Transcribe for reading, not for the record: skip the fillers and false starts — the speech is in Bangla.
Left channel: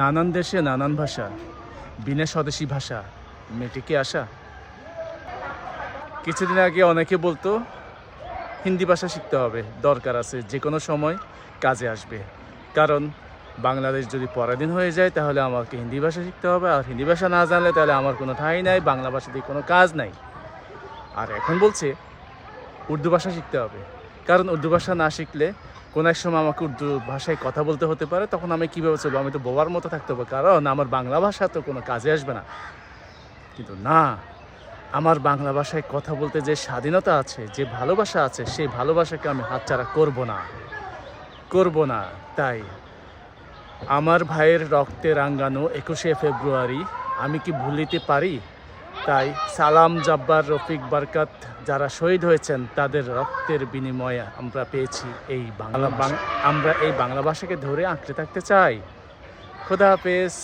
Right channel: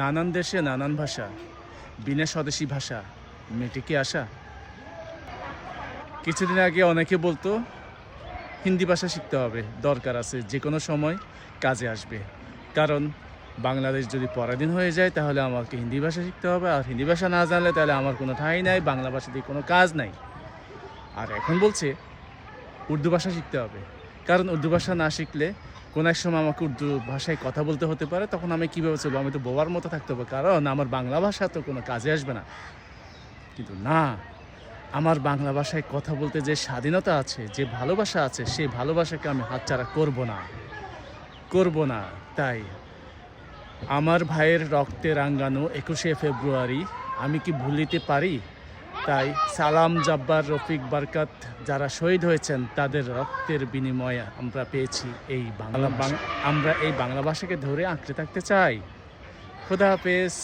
নানান দেশে নানান ভাষা, বিনা স্বদেশী ভাষা মেটেকে আসা। কিছুদিন আগে অনেকে বলতো হিন্দি ভাষা শিখতে হবে, দরকার আছে, যে কোনো সময় কাজে আসবে। কারণ বাংলাদেশ যদি পরাধীন হয়ে যায় তাহলে আমাকে হিন্দি ভাষা শিখতে হবে, আর হিন্দি ভাষা না জানলে তাহলে আমার কোনো ঠাঁই নাই, বাংলা ভাষা দিয়ে কোনো কাজ নাই। আর এখন বলছে উর্দু ভাষা শিখতে হবে, কারণ উর্দু ভাষা না শিখলে কোনো এক সময় আমাকে উর্দু ভাষায় কথা বলতে হতে পারে, তখন আমি কীভাবে চলবো? আমি তো বোবার মতো থাকতে হবে, কারণ আমার বাংলা ভাষা তো কোনো কাজে আসবে না। কিন্তু না, আমার বাংলা ভাষায় কথা বলতে যে স্বাধীনতা আছে, যে ভালোবাসা আছে, সেই ভালোবাসাকে আমি হাতছাড়া করব না। তাই আমার ভাইয়ের রক্তে রাঙ্গানো 21শে ফেব্রুয়ারি আমি কি ভুলিতে পারি? তাই সালাম, জব্বার, রফিক, বরকত যারা শহীদ হয়েছেন তাদের রক্তের বিনিময়ে আমরা পেয়েছি এই আমরা এই বাংলা ভাষাকে ধরে আঁকড়ে থাকতে চাই। খোদা হাফেজ।